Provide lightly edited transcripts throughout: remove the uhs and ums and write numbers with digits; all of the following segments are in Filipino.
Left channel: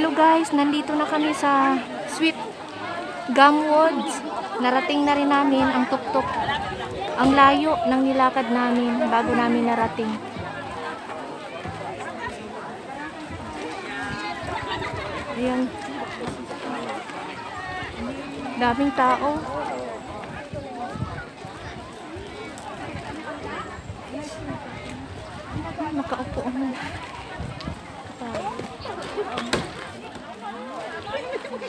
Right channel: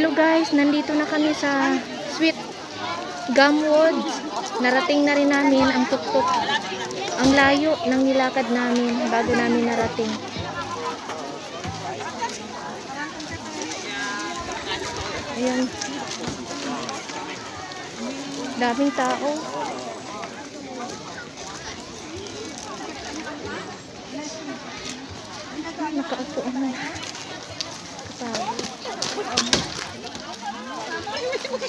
Hello guys, nandito na kami sa Sweet Gum Woods. Narating na rin namin ang tuktok. Ang layo ng nilakad namin bago namin narating. Ayan. Daming tao. Nakaupo naman.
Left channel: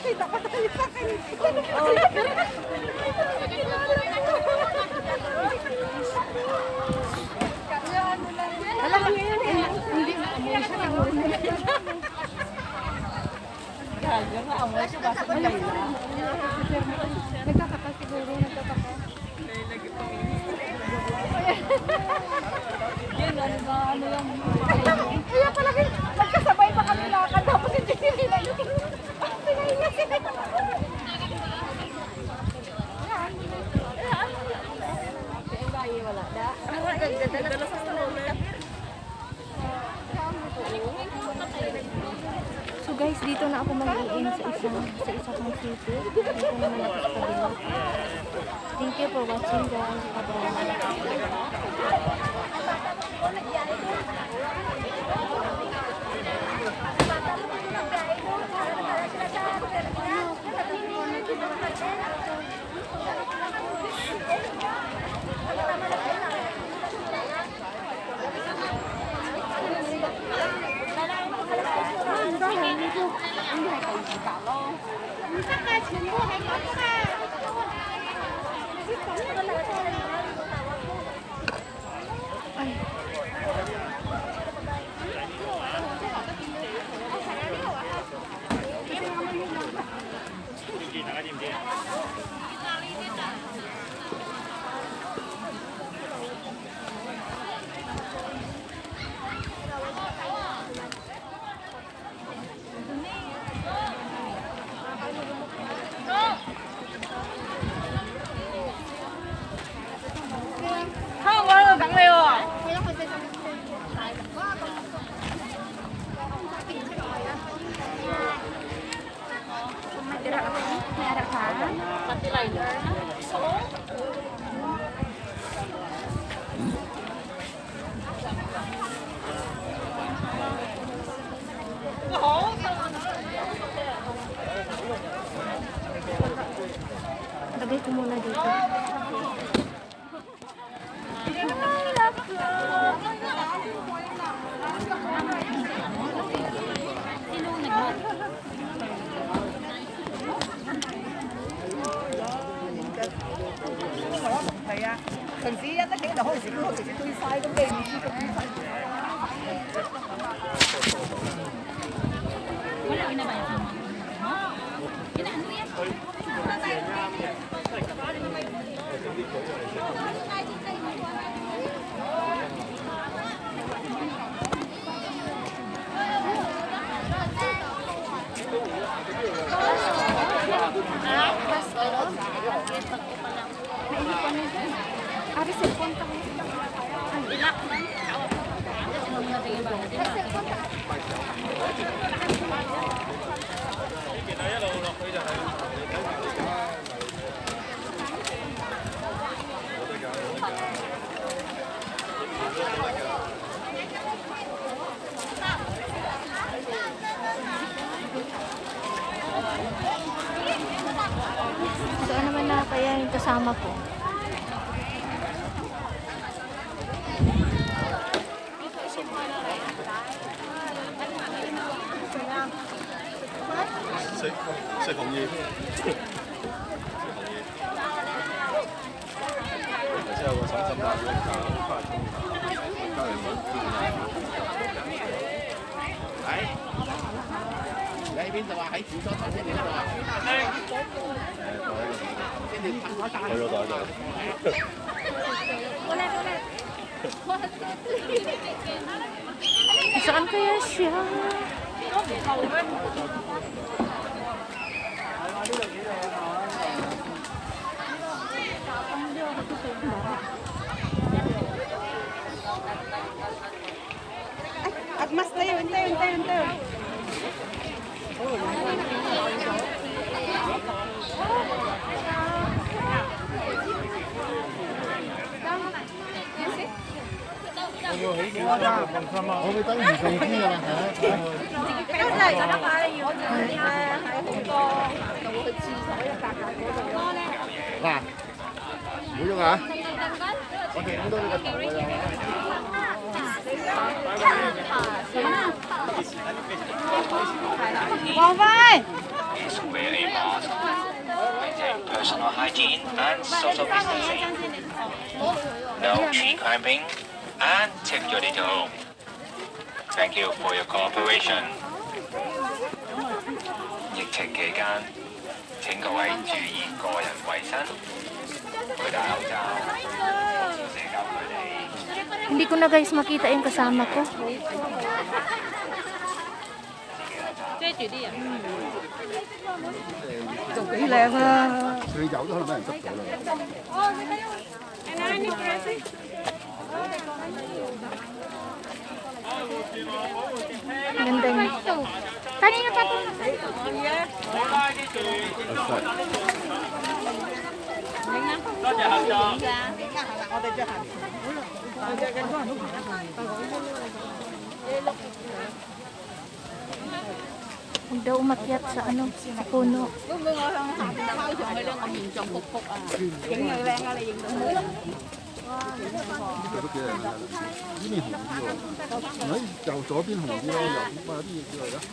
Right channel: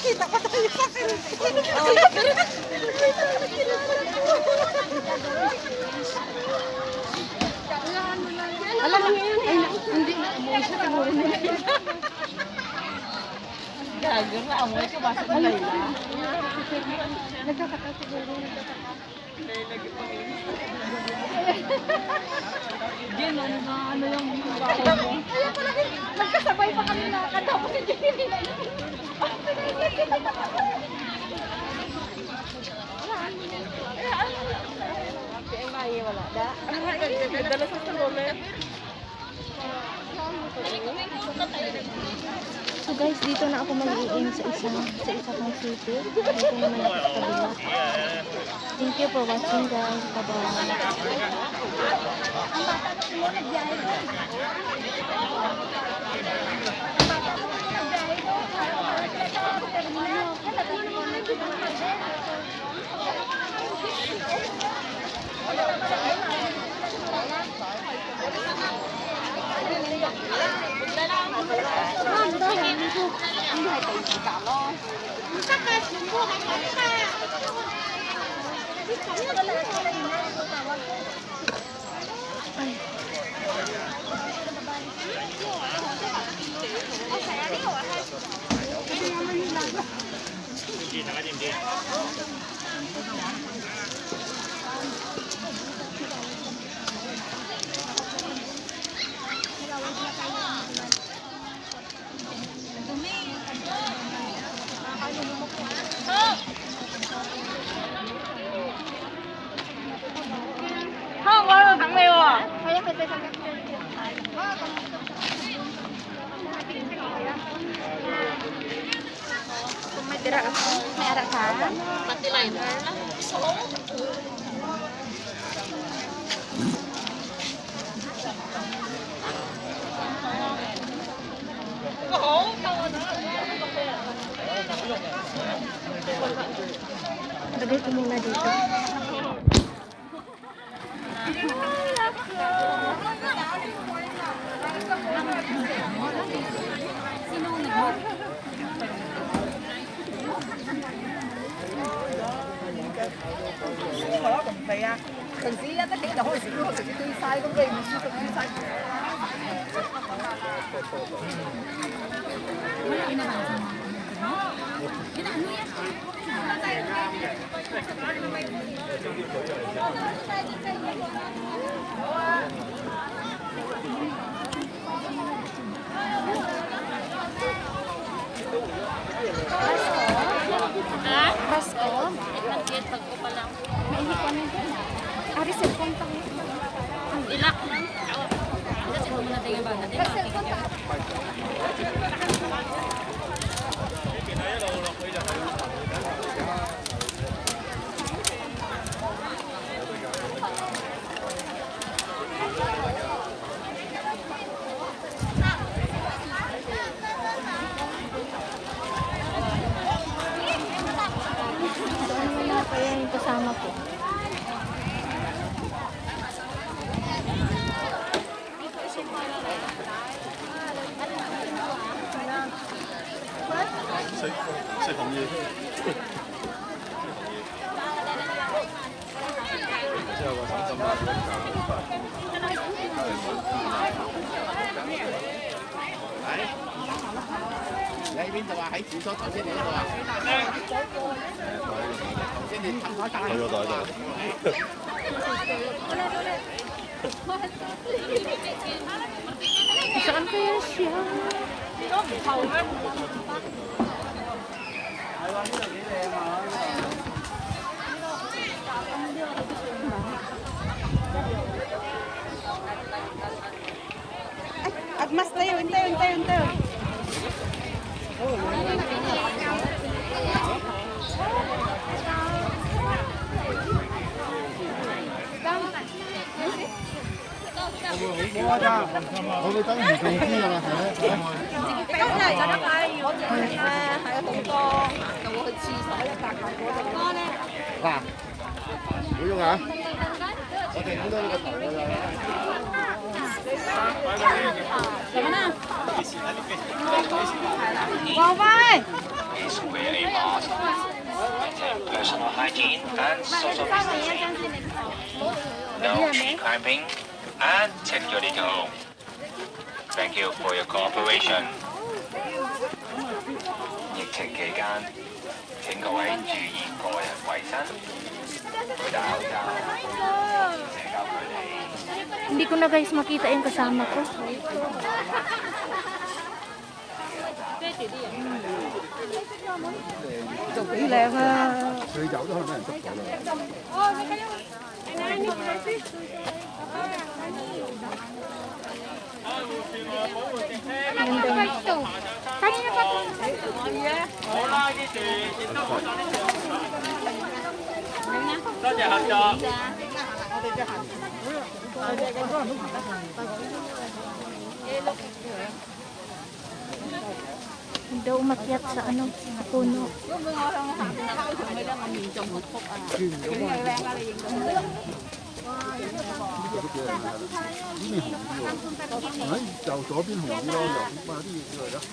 Kita pa tayo sa akin. Alam mo yun eh. Hindi na amoy siya siguro nila. Gago na amoy ka basta na Layla. Nagkakaka siguro. Lagi pa Jen, ano yung kaya pala nagkasabay pa kami lakad tapos hindi nila yun. Wala da. Dala sa salolet. So guys, dito na ako mag-i-in sa isa kong city. Dito naman ako sa kabila. Thank you for watching guys. Ay. Pati liner. Lagay ko muna dito. Cần gì á, tất cả là hồi xưa thì tôi sai con về mình không sai. Naihikuan na dyan. Ari, cellphone pa ngayon. Ang ilak. Ito naman na kaya yung kasama ko.食紅葉。你喺邊度啊？喺廁所頭先你嗰度啊？先至喺嗰度就。Saan kaya siya? At mas tayo, ente. 我會等唔中知㗎啦，係啊。今日嚟咗得快，如果唔係咧，喺度到去廁所一格嘅。嗱，唔好喐啊！我哋影到你個頭㗎啦。過快！ maintain personal hygiene and social distancing. No tree climbing and take your little room. Thank you for your cooperation. 疫情期間，請各位注意個人衛生，佩戴口罩，社交距離。 Hindi ko na guys makita yung kasama ko. 做幾靚啊！你走都可能俾人捉咗啦。哦，你睇下，Ganda niya. Daw umakyat sa ano, sa puno.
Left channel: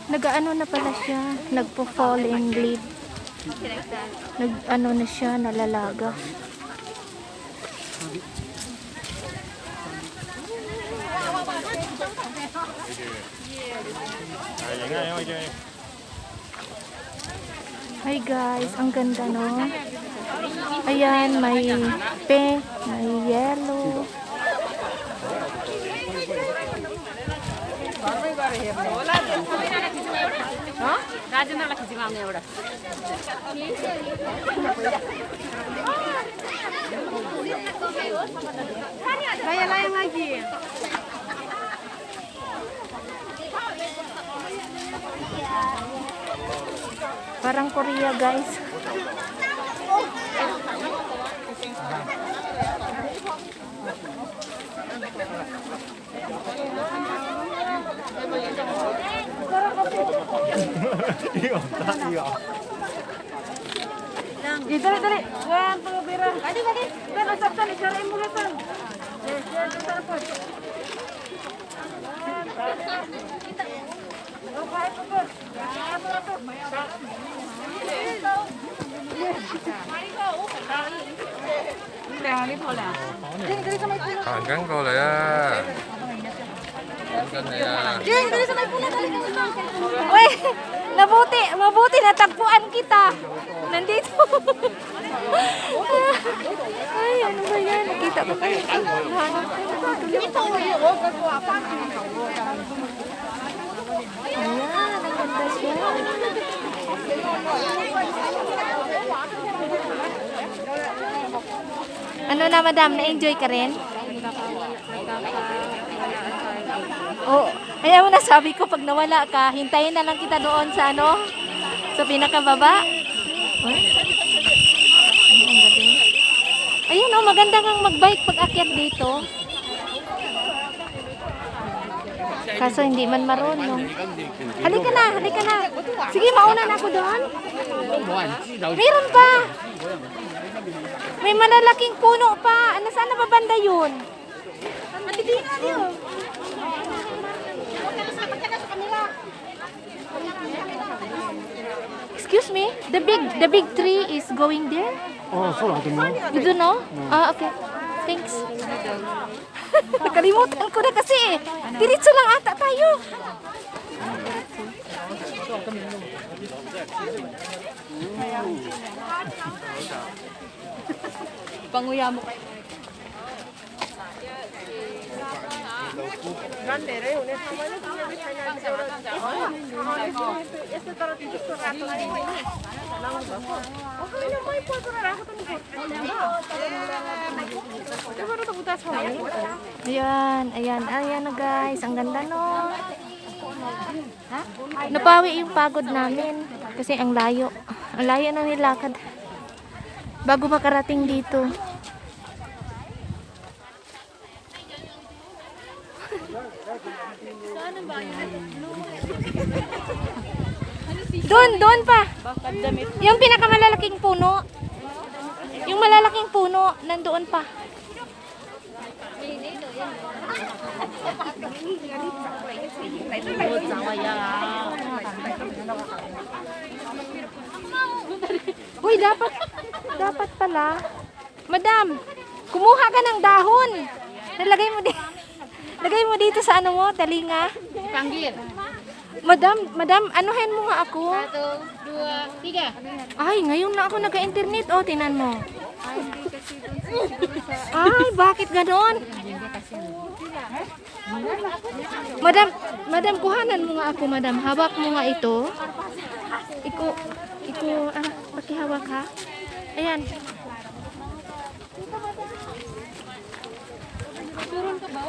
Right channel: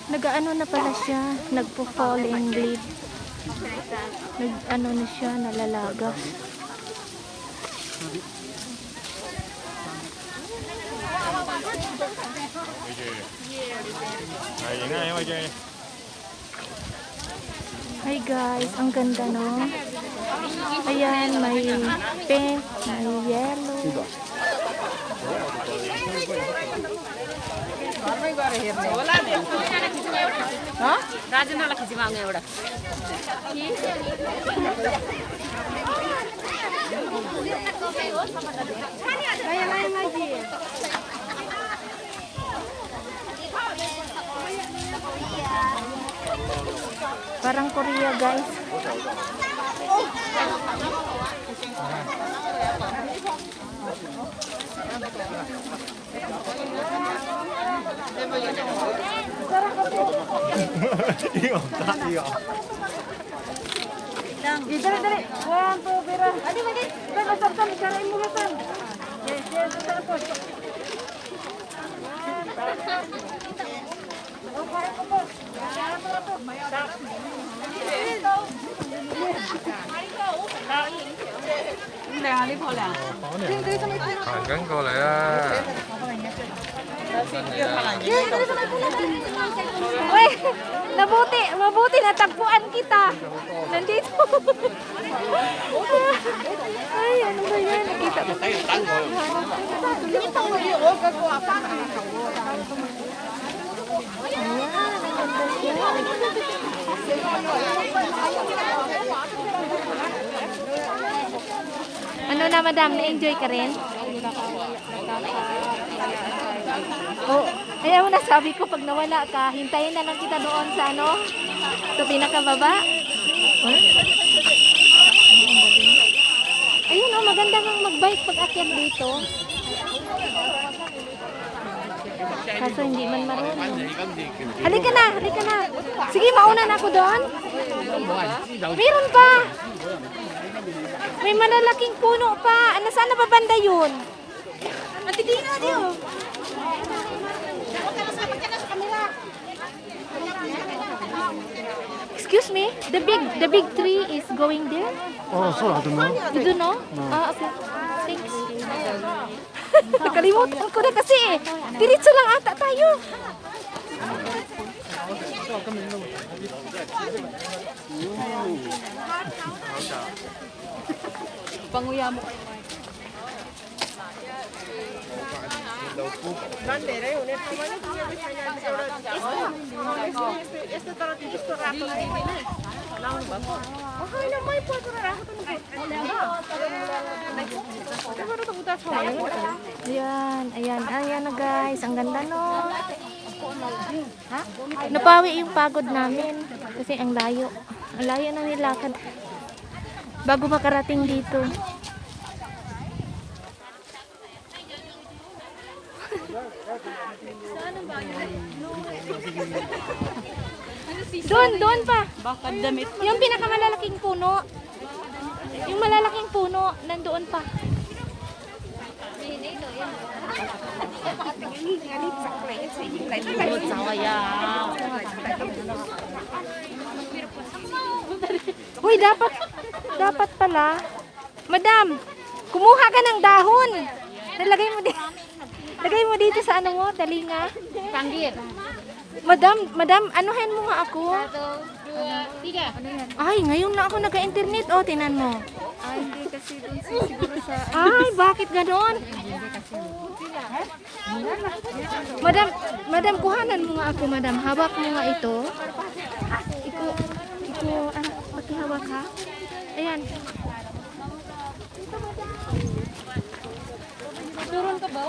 Nag-ano na pala siya, nagpo-falling leaf. Nag-ano na siya, nalalagas. Hi guys, ang ganda no? Ayan, may pink, may yellow. Parang Korea guys. Dali. Yan po, Biran. Adi. Yan, asaptan. Siya mo lupan. Yes, sarapot.行緊過嚟啦！ Uy, mabuti natagpuan kita. Nandito. Ay, ano ba yan? Nakita ko kayo. Ayan, ang ganda siya. Ano na madam, na-enjoy ka rin? Oh, ayaw na sabi ko pag nawala ka, hintayin na lang kita doon sa ano, sa pinakababa. Oh, ang galing. Ayun oh, maganda kang mag-bike pag akyat dito. Kaso hindi man marunong. Halika na. Sige, mauna na ako doon. Meron pa. May malalaking puno pa. Ano, saan na ba banda yun? Oh. Excuse me, the big tree is going there? You don't know? Ah, okay. Thanks. Nakalimutan ko na kasi eh. Diretso lang ata tayo. Panguya mo kayo. 난내래 오늘 가만히 구경을 잘 나는 여러 este tara dito sa rato na ini nang bago hayo may po sa rato to ni siguro to butas ko Ayan na guys. Ang ganda no. Ha? Napawi yung pagod namin kasi ang layo. Ang layo nang nilakad bago makarating dito. Doon pa. Yung pinakamalalaking puno. Yung malalaking puno, nandoon pa. Uy, dapat pala. Madam, kumuha ka ng dahon. Lagay mo dito sa ano mo, talinga. Panggil. Madam, anuhin mo nga ako. 1, 2, 3. Ay, ngayon na ako nag-internet. O, tinan mo. Ay, bakit ganon? Madam, kuhanan mo nga ako, madam. Hawak mo nga ito. Pakihawak ha. Ayan. Turun ka ba?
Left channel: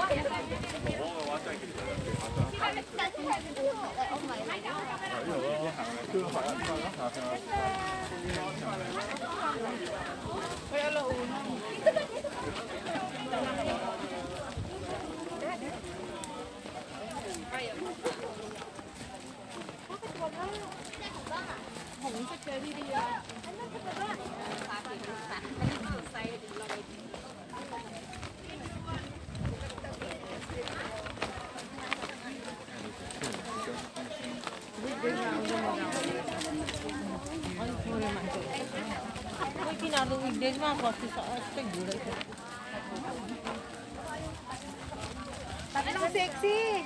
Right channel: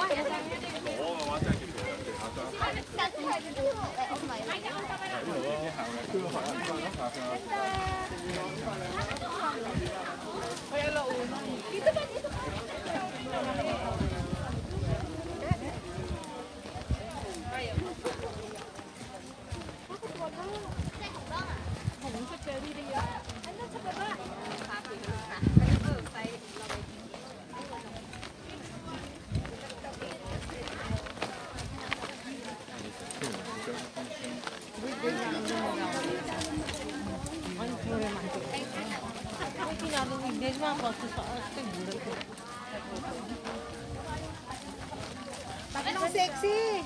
Anong sexy?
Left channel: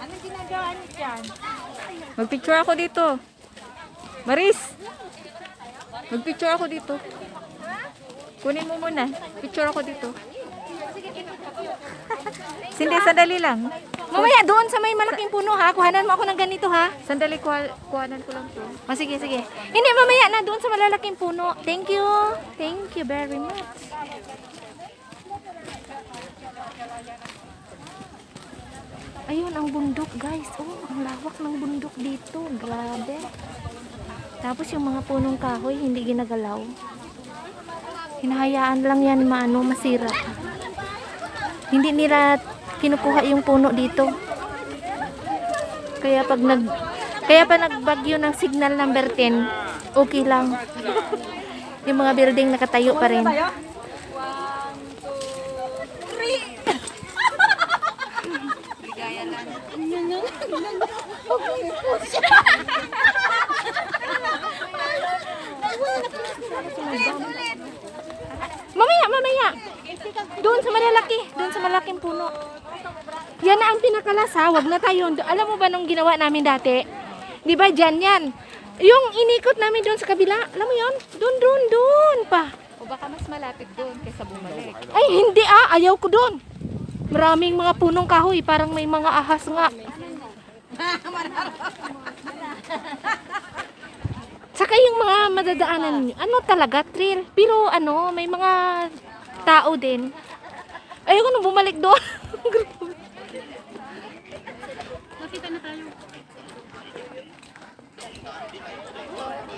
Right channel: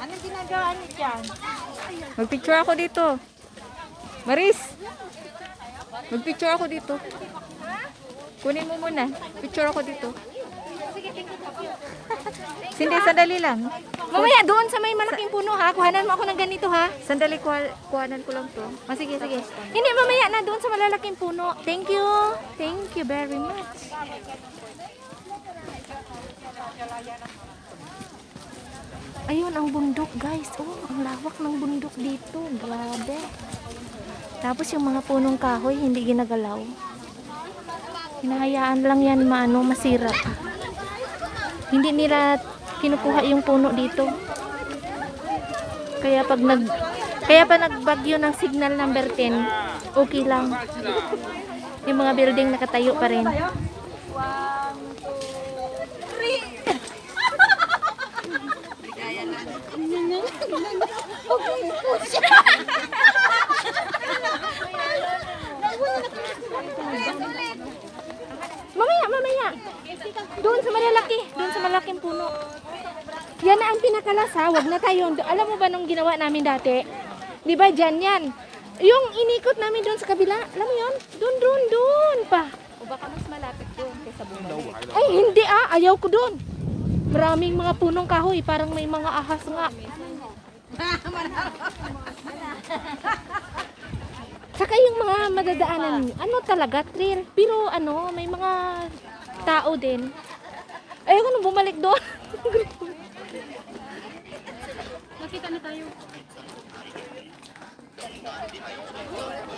Anong ginagawa niyo dyan? Magpicture ako dito. Maris! Magpicture ako dito. Kunin mo muna. Picture ako dito. Hindi, sandali lang. Mamaya doon sa may malaking puno ha. Kuhanan mo ako ng ganito ha. Sandali, kuhanan ko lang to. Sige. Hindi, mamaya na doon sa malalaking puno. Thank you. Thank you very much. Ayun, ang bundok guys. Oh, ang lawak ng bundok dito. Grabe. Tapos yung mga punong kahoy, hindi ginagalaw. Hinahayaan lang yan masira. Hindi nila kinukuha yung puno dito. Kaya pag nagbagyo ng signal number 10, okay lang. Yung mga building nakatayo pa rin. Mamaya. Doon sa malaking puno. Yan na ang pinakalas ha. Wag na tayo. Alam mo ba nung ginawa namin dati? Di ba dyan yan? Yung inikot namin doon sa kabila. Alam mo yun? Doon pa. O baka mas malapit doon kaysa bumalik. Ay, hindi ayaw ko doon. Maraming mga punong kahoy. Parang may mga ahas nga. Saka yung mga madadaanan, talaga, trail. Pero may mga tao din. Ayoko nang bumalik doon. Makita na tayo.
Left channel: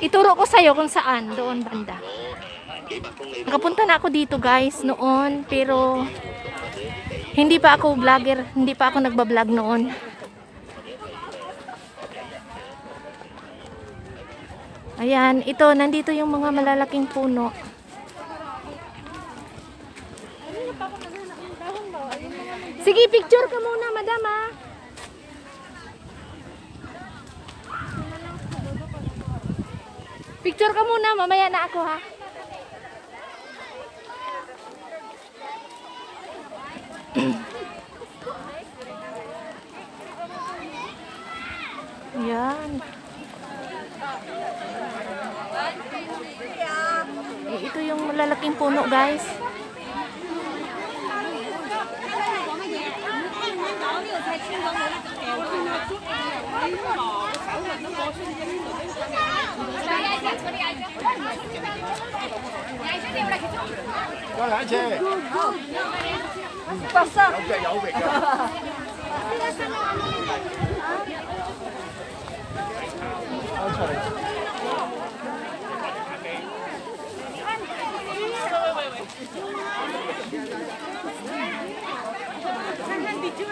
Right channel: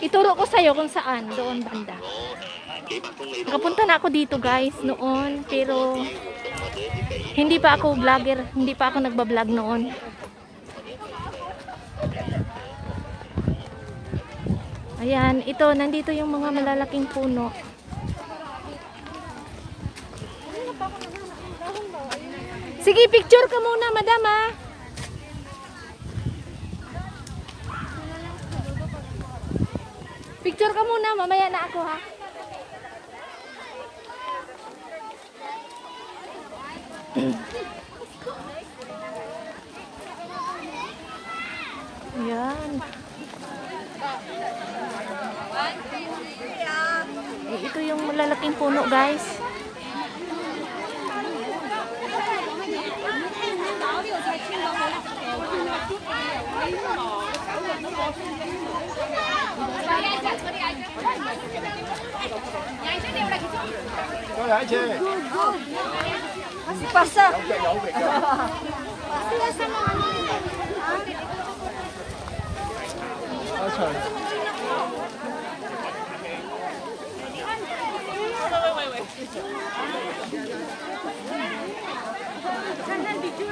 Ituro ko sa'yo kung saan, doon banda. Nakapunta na ako dito guys, noon. Pero, hindi pa ako vlogger. Hindi pa ako nagbablog noon. Ayan, nandito yung mga malalaking puno. Sige, picture ka muna, madam ha. Picture ka muna, mamaya na ako ha. Ayan. Ito yung malalaking puno guys. So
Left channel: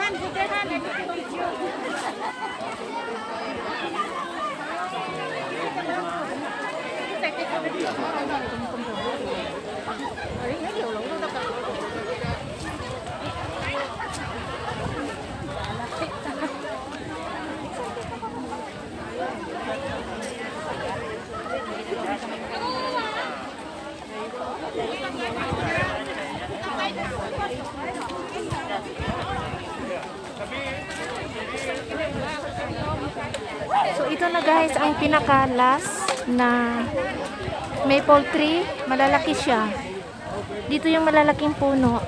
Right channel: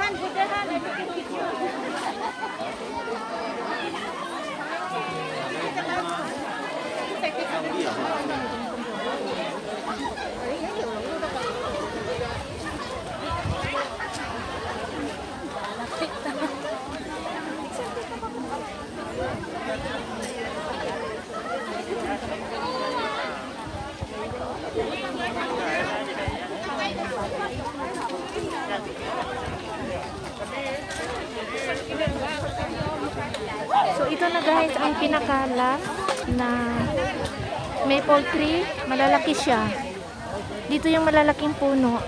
ito na guys ang pinaka last na maple tree. Malalaki siya. Dito yung malalaking puno.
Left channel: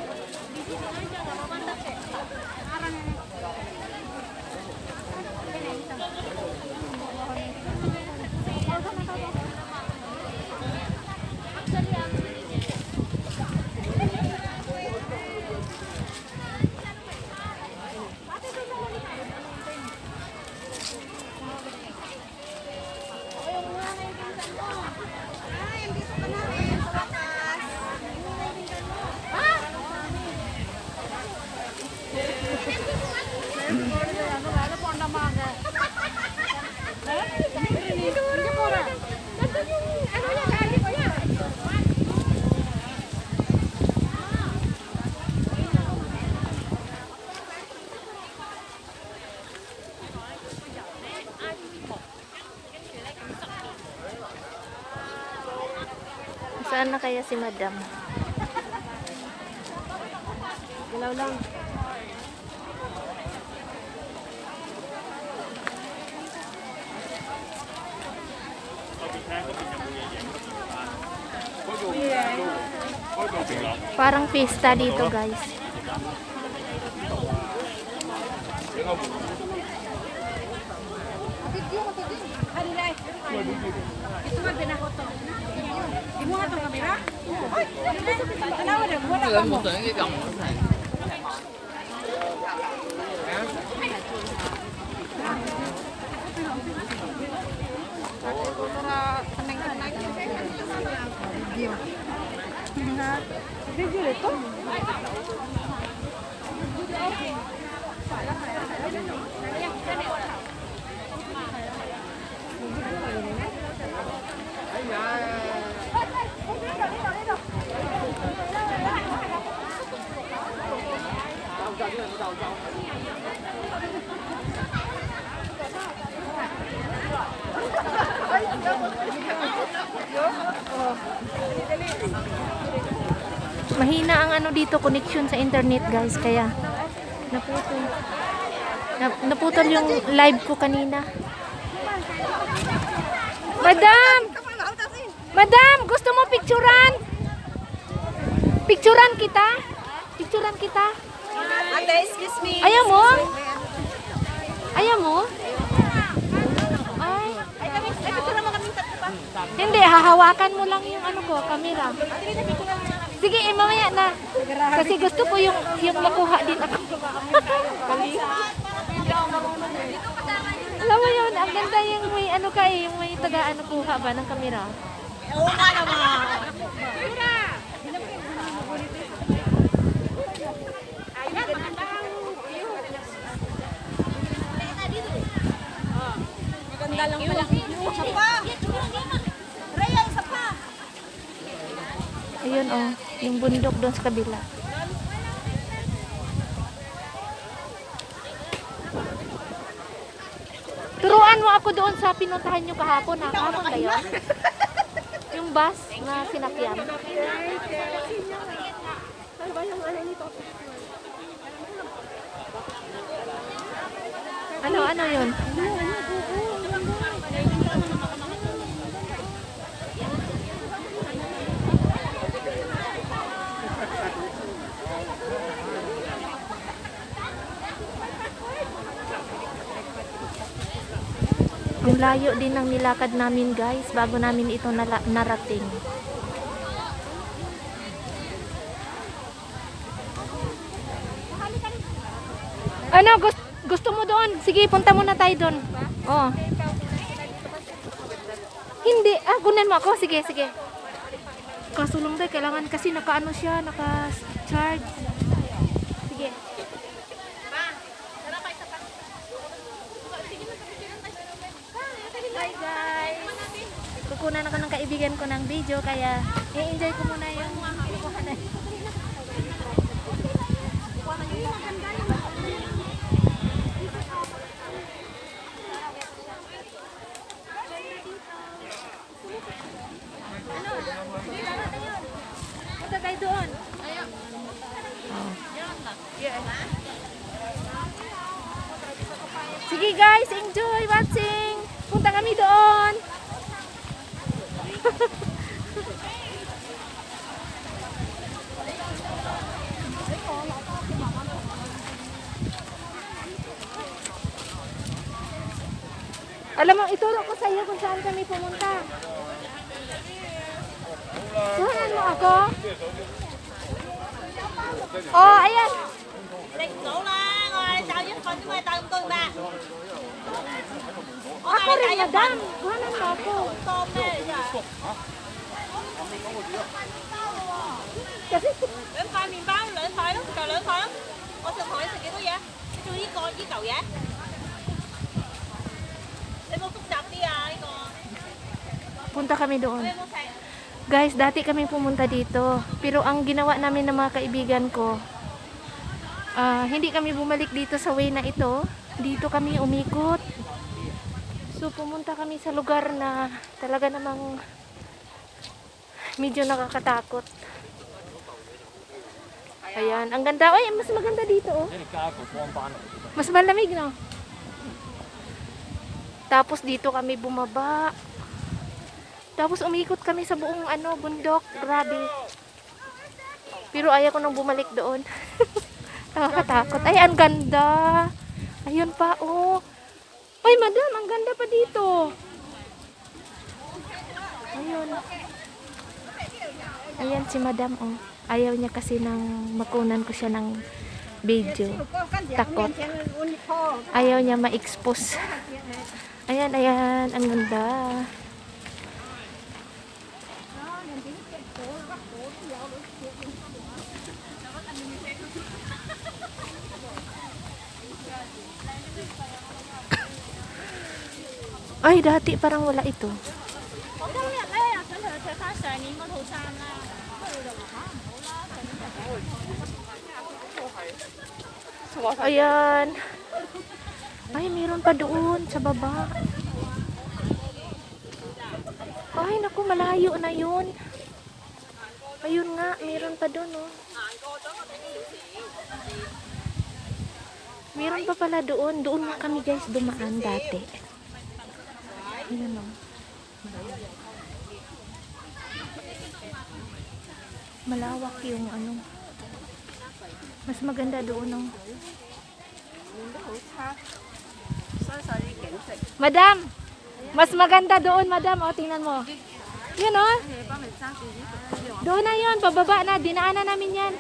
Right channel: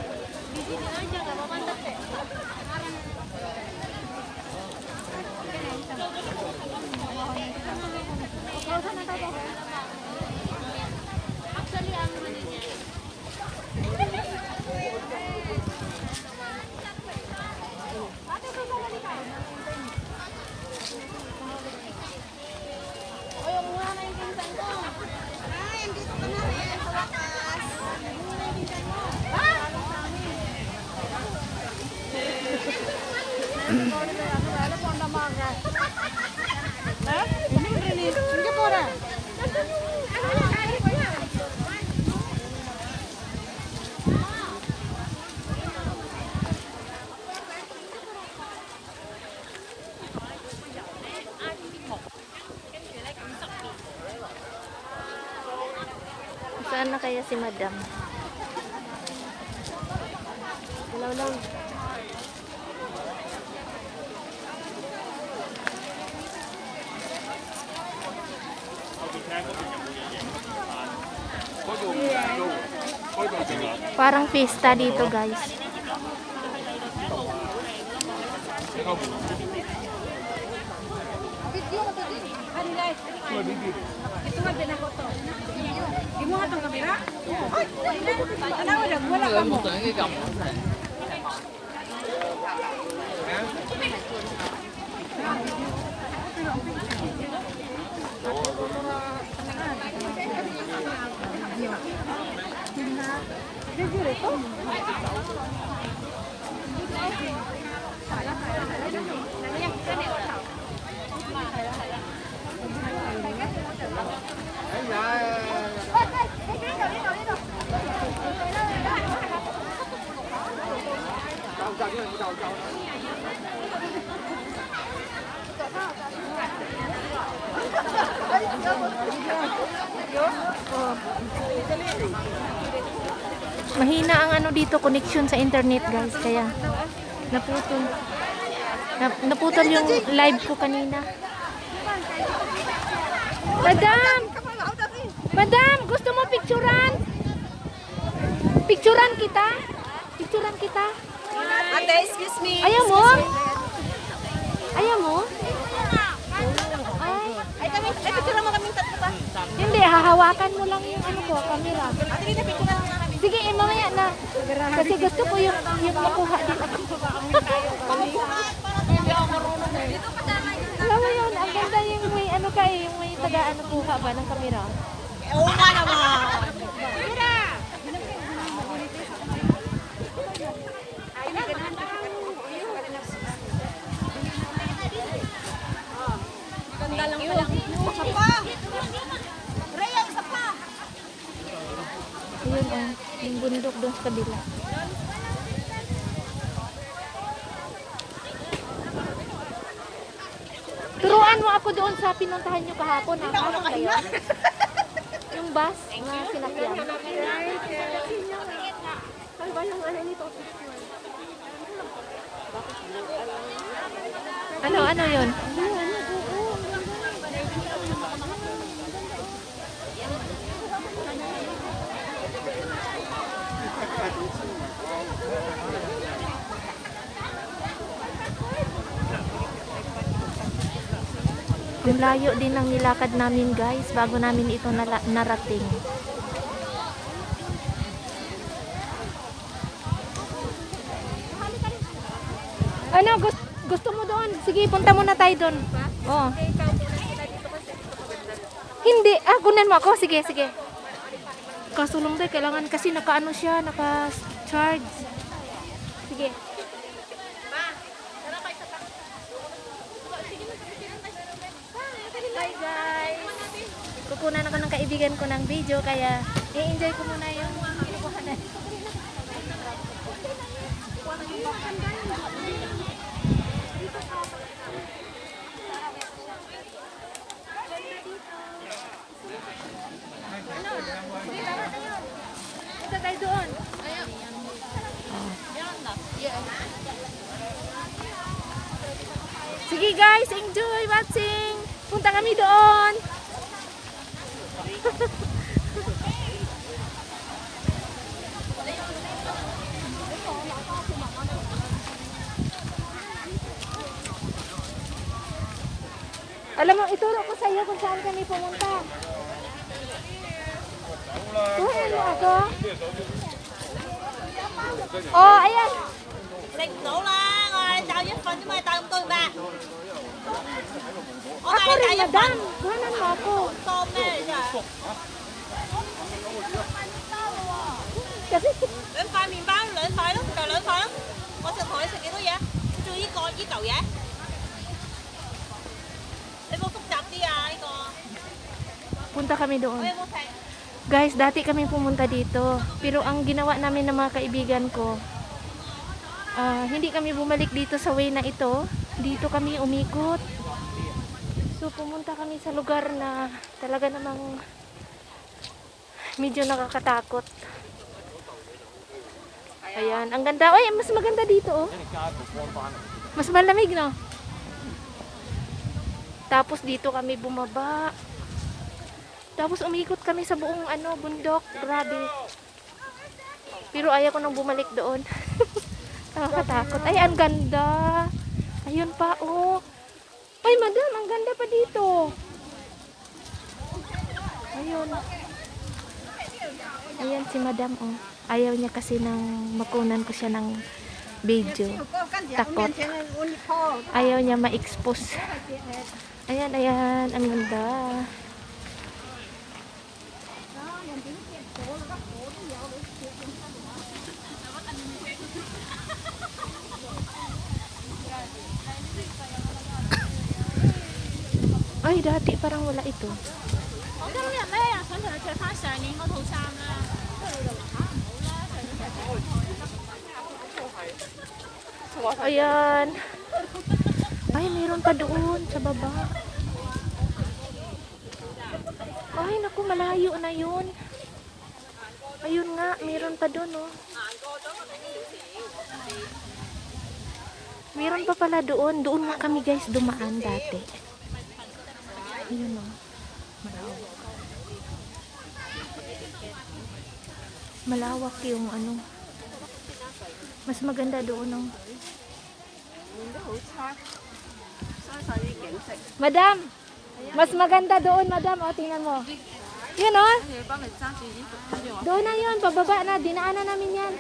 Saan na kaya si Madam? Parang pista dito, guys. Video mo to din. Ito nga din ako to. Di mo nga itong kamera? Ay! Alawa na, wala ka mo. Mahina ang ano dito, connection sa internet, guys, kaya naputol. Naputol yung live ko kanina. Madam! Madam, gusto mo picturean? Picturean kita? Picturean kita? Ate, excuse me. Ayaw mo? Ayaw mo? Ay, Picture mo kaming tatlo ba? hindi, hahawakan mo lang yung ano ko, camera. Sige, mamaya na. Kasi gusto ko yung makuha din ako. Alam mo yun, ang ganda yung may ano ka eh, yung may taga ano kuha ba ng camera. Oo nga naman. Ganda lang pala. Isa pa! Raya, isa pa! Ayun oh, yung bundok doon sa kabila. Turuan mo ako doon sa pinuntahan nyo kahapon ha. Tama ba yun? Yung bus na sinakyan. Ano yun? Ang layo din ng nilakad namin, guys, bago namin ito narating. Ano, gusto mo doon? Sige, punta muna tayo doon. Oh. Hindi, kunan mo ako. Sige, sige. Kasulong tayo, kailangan kasi naka-ano siya, naka-charge. Sige. kukunan ako ng kaibigan ko ng video, kaya i-enjoy ko muna yung kinukuhanan. Ano? Sige, tama na yun. Punta tayo doon. Ayun. Oh. Yeah. Sige guys, enjoy watching. Punta kami doon. Alam mo, ituro ko sa iyo kung saan kami pumunta. Tuhanan mo ako. Oh, ayan. Ako rin, madam. Tuhanan mo ako. Kasi, 兩塊麵包兩塊咯，就兩塊咯。我隻台食幾多嘢？做呢個呢嚿嘢。你冇複雜啲啊？呢個。 punta kami doon. Guys, dati kami pumunta dito. Pero ang ginawa namin ng mga kaibigan ko, hindi kami bumalik dito sa way na ito. Dito kami umikot. So, pumunta kami sa lugar na talaga namang medyo nakakatakot. Ayan, ang ganda. Ay, mas maganda dito, oh. Mas malamig, no? Tapos dito kami bumaba. Tapos umikot kami sa buong bundok. Grabe. Pero ayaw ko nang bumalik doon. Nakakatakot. Ay, ang ganda. Ayun pa, oh. Ay, madam, ang ganda pa dito. Ayun. Ayan si madam, oh. Ayaw niya kasi nang makunan ko siya ng video. Takot. Ayaw niya ma-expose. Ayan, ayan. Ang ganda. Ay, dati parang wala ito. Ayan. Ay, meron pa doon sa baba. Ay, naku, malayo na yun. Ayun nga, meron pa doon, oh. Meron pa pala doon. Doon nga kami, guys, dumaan dati. Ayun, oh. Malawak yung mas maganda doon, oh. Madam, mas maganda doon, madam. O, tingnan mo. Yun, oh. Doon na yun, pababa na. Dinaanan namin yan.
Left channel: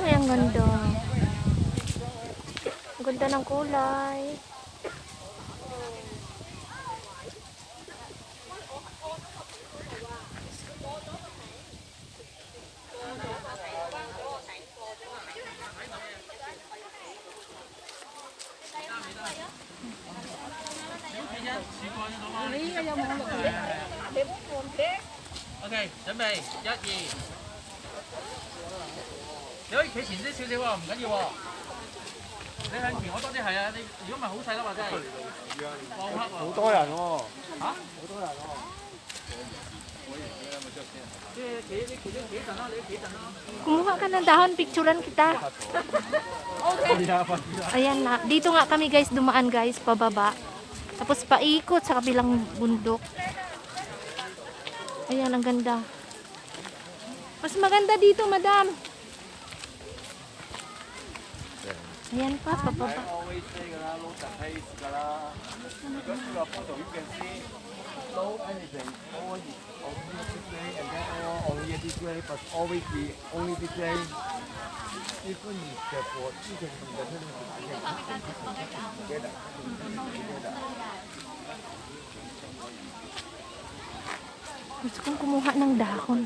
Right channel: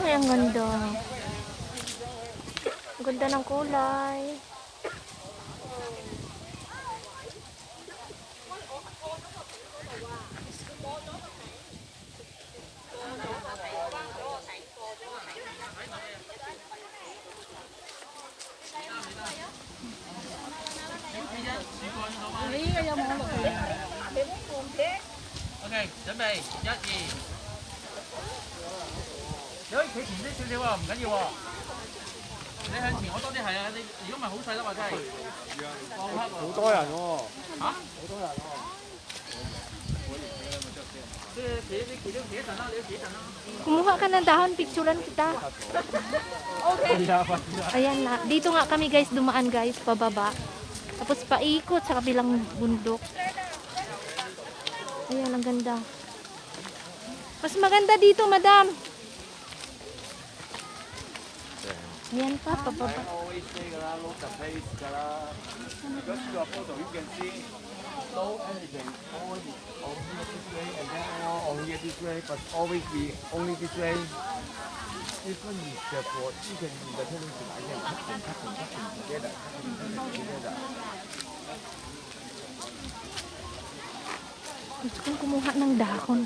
Ay, ang ganda. Ang ganda ng kulay. OK，準備一二，你可以企前啲少少喎，唔緊要喎。你向前我多啲係啊，你如果唔係好細粒啊，真係。好多人喎。嚇？好多人喎。即係你企咗企一陣啦，你都企一陣啦。 Kumuha ka ng dahon, picturean kita. Ayan na. Dito nga kami, guys, dumaan, guys, pababa. Tapos paikot sa kabilang bundok. Ayan, ang ganda. Mas maganda dito, madam. Ayan pa, pababa. No anything, always only this way and then only this way, but always be only this way. Gusto kong kumuha ng dahon.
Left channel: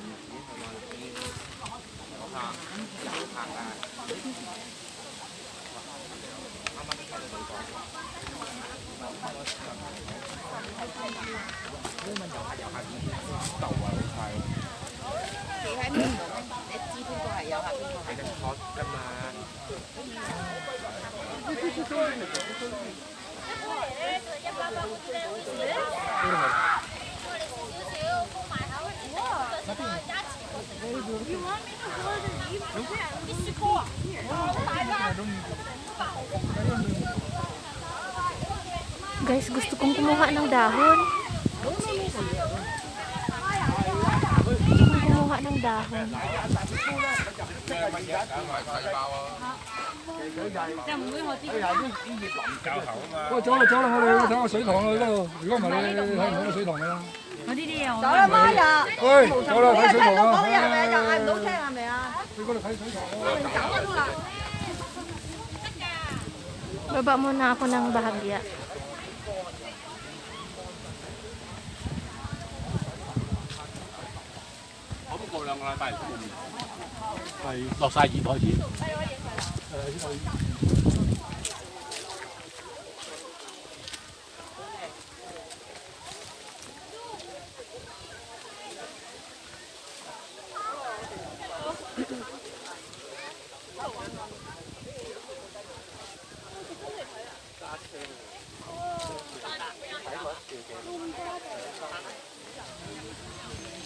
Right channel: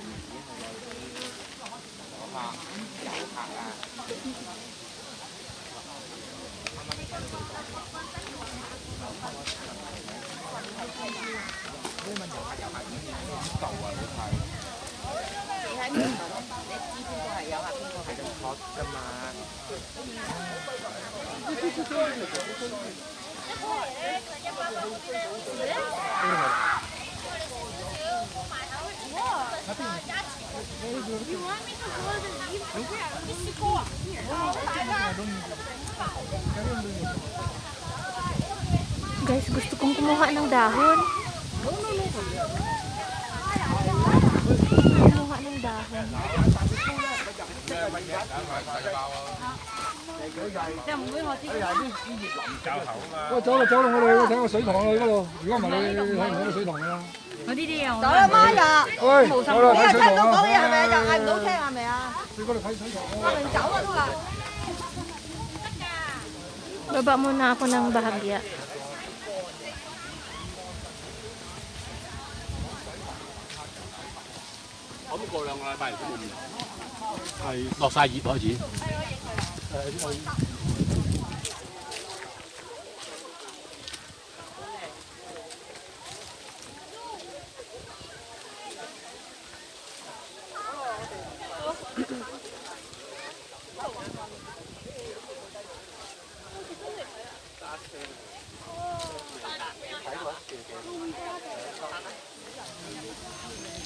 Guys, gusto kong kumuha ng dahon. Kumuha ng dahon.喂，走啦走啦，我哋睇個水塘啊呢度，如果唔係你睇唔到個水塘㗎啦。走啦媽呀！喂，走啦睇水塘啊！講嘢係咪？又嗌唔到聽係咪啊？你嗰度睇水塘啊！ Baba muna ako ng bahagya.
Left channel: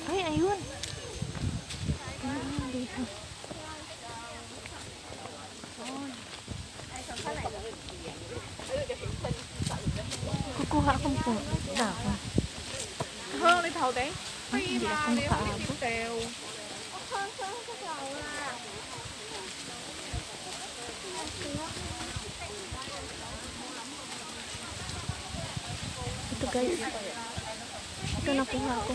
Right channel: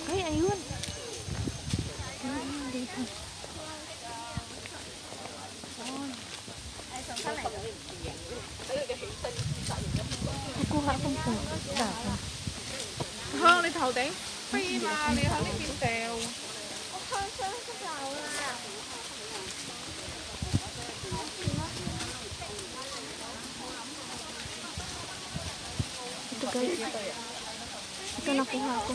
Ay, ayun. Ayun, dito. Kukuha akong dahon. Hương đi thầu tí. Phi mà nhiều không đều. Ito guys. Ito nakuha ko.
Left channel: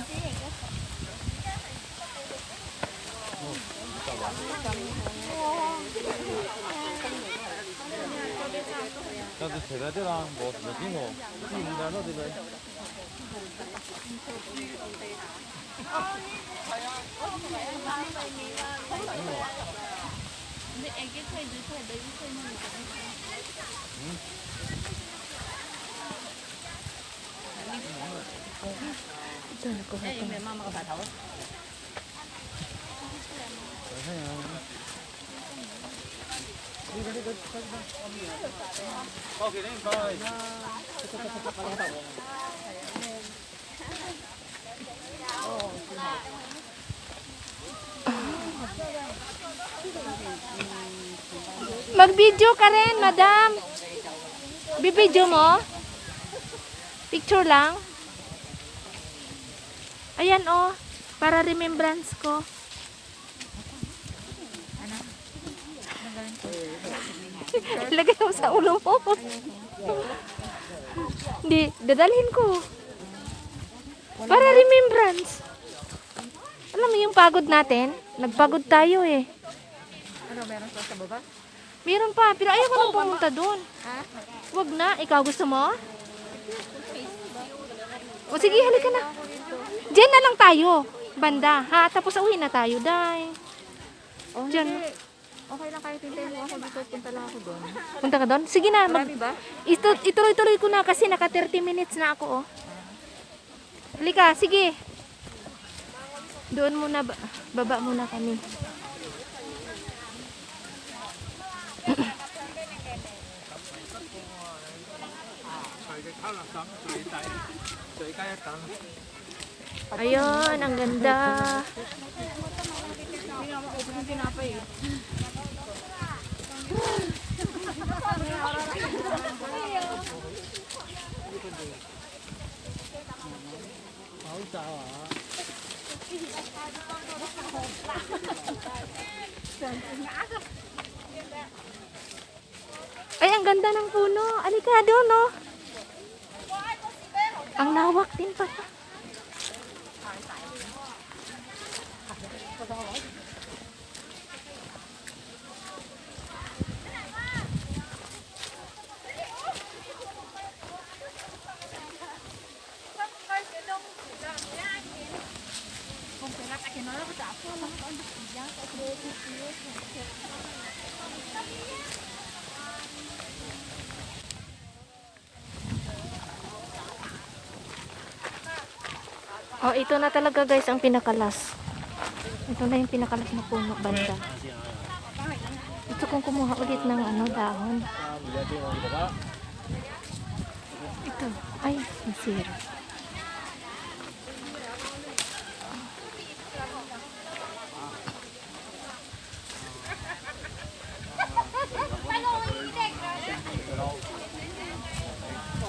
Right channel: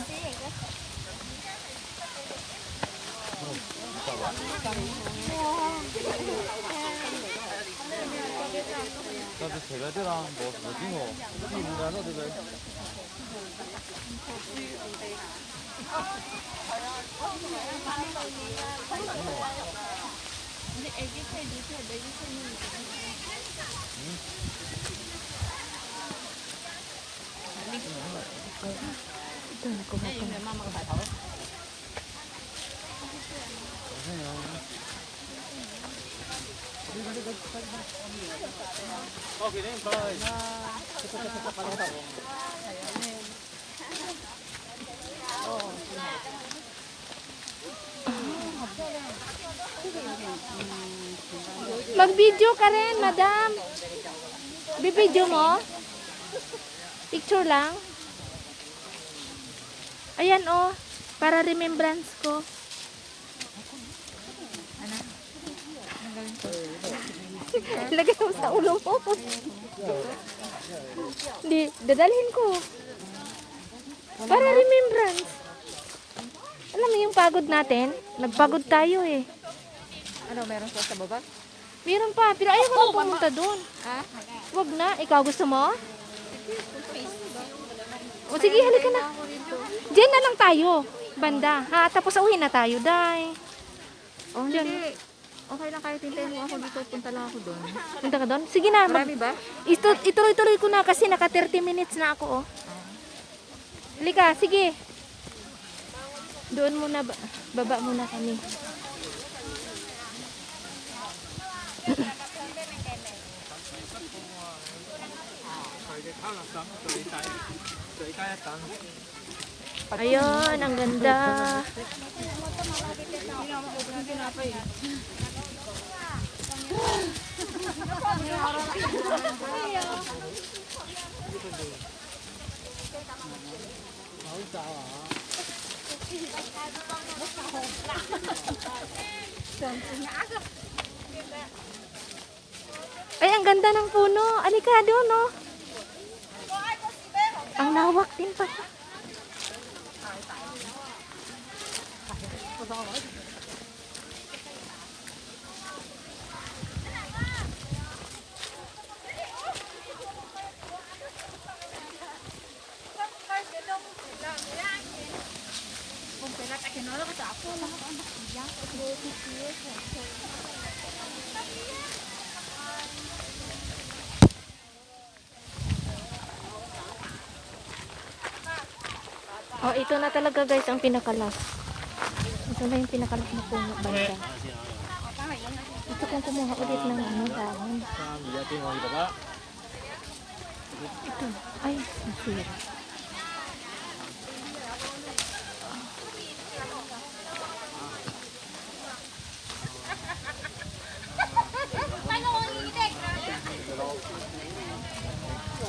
Ito nakuha ko. Mag-video ka rin, madam. Bibidyo mo? Picture lang? Ayan oh, para remembrance ko. Lagay mo sa ulo mo. Hindi, dadalhin ko. Para remembrance. Alam mo yung pagod natin? Nagpagod tayo eh. Ano, meron pa sa baba? Meron pa, pero ayaw ko nang pumunta doon. Wag na, ikaw gusto mo? O sige, halika na. Diyan na lang tayo, banda. Ha, tapos uwi na tayo, day. Oh, Diyan. hindi. Okay lang kahit hintayin mo ako dito. Punta lang ako doon. Punta ka doon? Sige na, Marami ba? ituloy-tuloy ko na kasi naka 30 minutes na ako, oh. Halika, sige. Doon muna, baba muna kami. Ayun, ang ganda. Ay, ang ganda ng puno. Alika doon, no? Ang lawak din pa. Oh, ito na talaga guys ang pinakalas. Ito na yung pinakalas na puno banda. Gusto kong kumuha ulit ng ano dahon. Ito. Ay, nasira.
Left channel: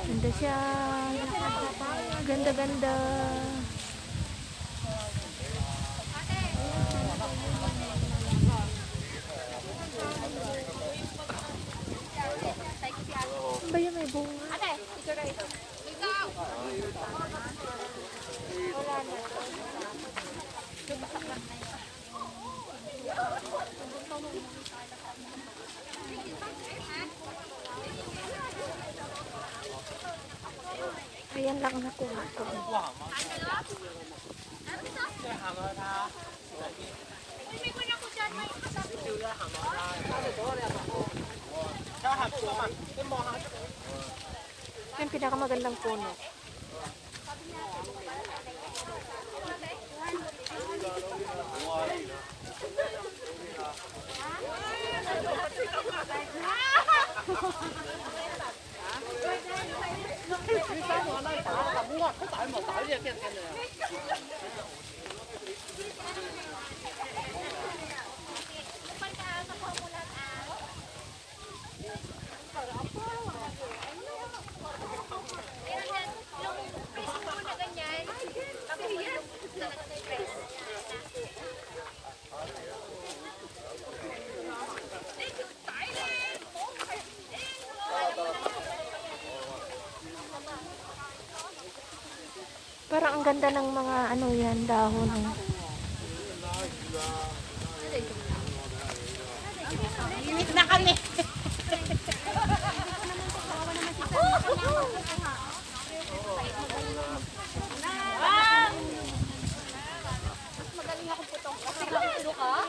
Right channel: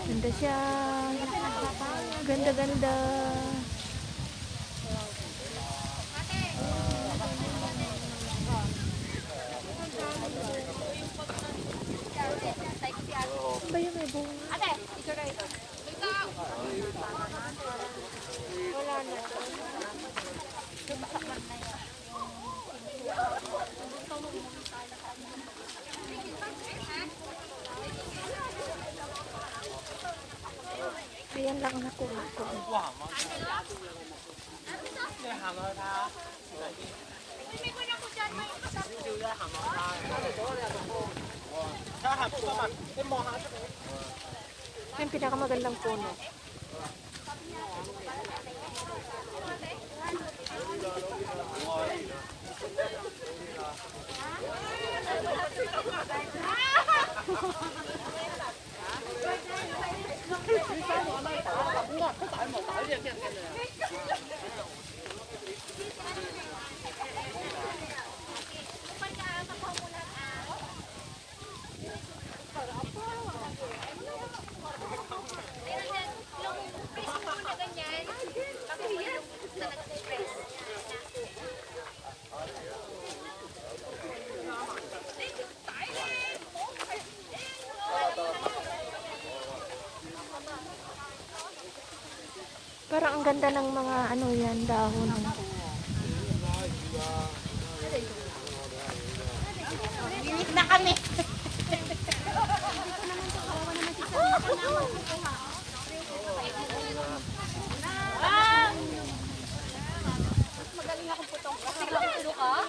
Ganda siya. Ganda-ganda. Ba yun may bunga? Ayan lang nakuha ko. Yung pinakamagandang puno. Parang ang ganda ng mga ano yan, dahon. Limit na kami. Magaling akong putong. Kasi lang pulo ka.